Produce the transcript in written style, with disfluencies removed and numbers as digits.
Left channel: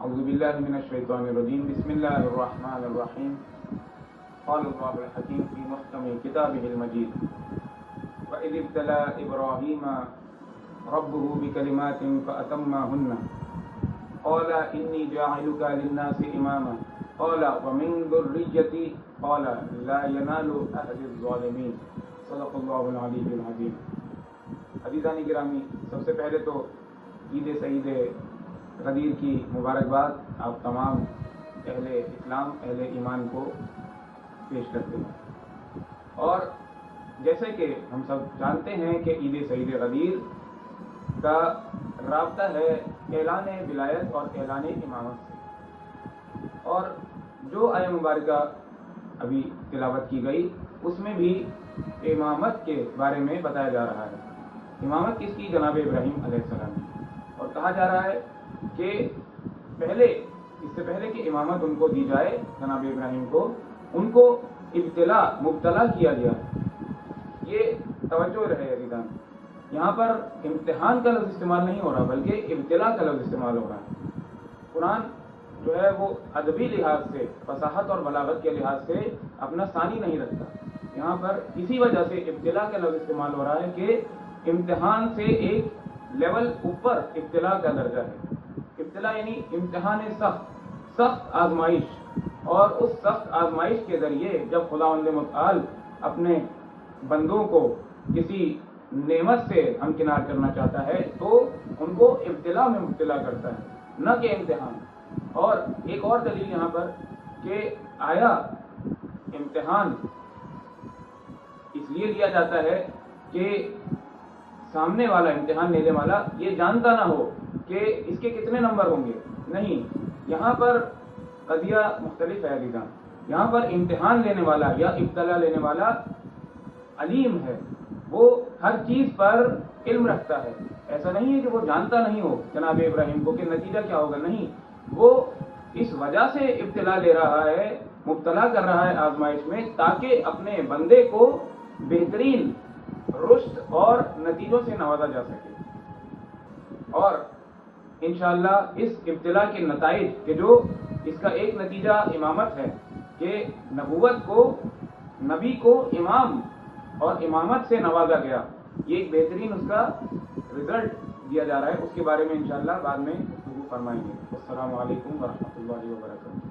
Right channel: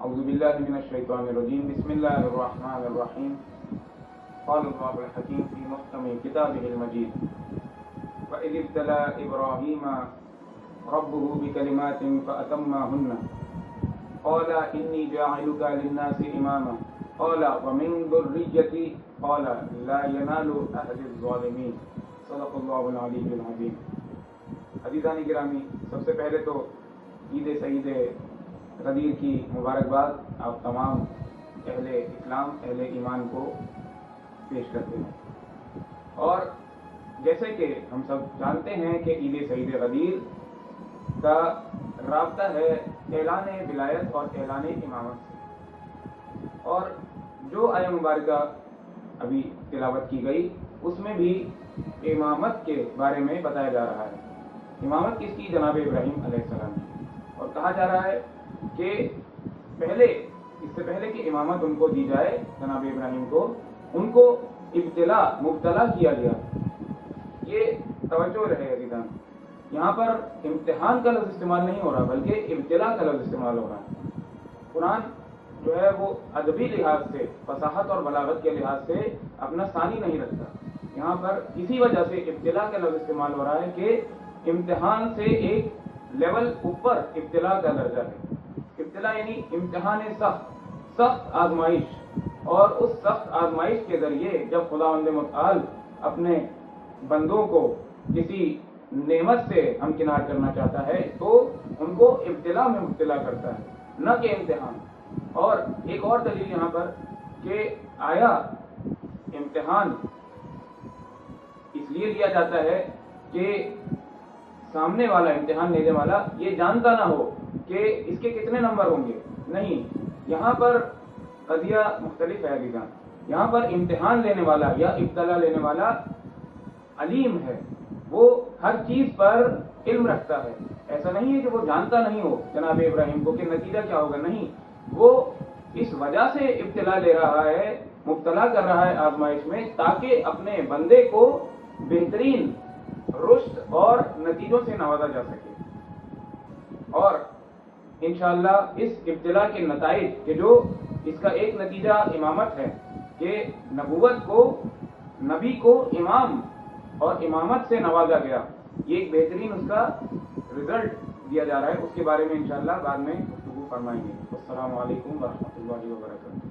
اعوذ باللہ من الشیطان الرجیم بسم اللہ الرحمن الرحیم قال اللہ الحکیم فی محکم کتابہ المجید وَإِذِ ابْتَلَىٰ إِبْرَاهِيمَ رَبُّهُ بِكَلِمَاتٍ فَأَتَمَّهُنَّ قَالَ إِنِّي جَاعِلُكَ لِلنَّاسِ إِمَامًا قَالَ وَمِن ذُرِّيَّتِي قَالَ لَا يَنَالُ أَهْلِ الظَّالِمِينَ صدق اللہ العلی العظیم۔ عزیزان گرامی، سب سے پہلے تو عید سعید غدیر کی مبارکباد آپ تمام اہل اسلام اہل ایمان کو پیش کرتے ہیں۔ اور جیسے کہ ہم سب جانتے ہیں کہ عید سعید غدیر کا رابطہ ہے اعلان ولایت اور اعلان امامت سے، اور جو آیہ مبارکہ ابھی تلاوت کی گئی اس میں بھی امامت کے بارے میں بتایا جا رہا ہے۔ امامت کس کی؟ جناب ابراہیم علیہ السلام کی، اور کہا جا رہا ہے کہ اس سے پہلے کہ امامت ان کو دی جائے جناب ابراہیم کو، ان کو مبتلا کیا گیا۔ یہ توجہ رہے عزیزان، یہاں پر امتحان کا لفظ استعمال نہیں ہو رہا بلکہ ابتلا کا لفظ استعمال ہو رہا ہے۔ قرآن جو ہے وہ ادبی لحاظ سے، فصاحت اور بلاغت کے لحاظ سے اپنا ثانی نہیں رکھتا۔ یہاں پر اسی وجہ سے ابتلا کا لفظ استعمال ہو رہا ہے کہ امتحان سے ایک لیول اوپر ابتلا کا درجہ ہے۔ ابتلا یعنی امتحان سخت آزمائش، اور اس سخت آزمائش کے ذریعے جب خداوند متعال اپنے بندوں کو کسی نعمت سے ہمکنار کرنا چاہتا ہے تو ان کو ابتلا میں مبتلا کرتا ہے، نہ کہ امتحان۔ اور ایک اور دلیل یہاں پر کہ آیا امتحان اس لیے لیا جاتا ہے کہ سامنے والا امتحان لینے والا یہ جانتا نہ ہو کہ اس کے کتنے نمبر ہوں گے، نہیں، یہاں پر قضیہ مختلف ہے عزیزان۔ یہاں پر امتحان لینے والا یا ابتلا لینے والا علیم ہے، وہ ہر چیز پر علم رکھتا ہے۔ ایسا نہیں ہے کہ وہ جانتا نہیں ہو جناب ابراہیم کو کہ نتیجہ کیا ہوگا، نہیں، وہ اس وجہ سے ابتلا لے رہا ہے، مبتلا کر رہا ہے آزمائش میں، تاکہ اپنے بندے کو بہترین رشد اور نتیجوں سے نوازا جا سکے۔ اور انشاءاللہ اس ابتلا کے نتائج کہ جو اس کا ایک نتیجہ امامت ہے کہ نبوت کو، نبی کو امام اور امامت سے نوازا گیا، یہ ایک بہترین اس کا رزلٹ دیا جا رہا ہے، اس کے بارے میں انشاءاللہ بعد میں گفتگو فرمائیں گے۔ السلام علیکم ورحمۃ اللہ وبرکاتہ۔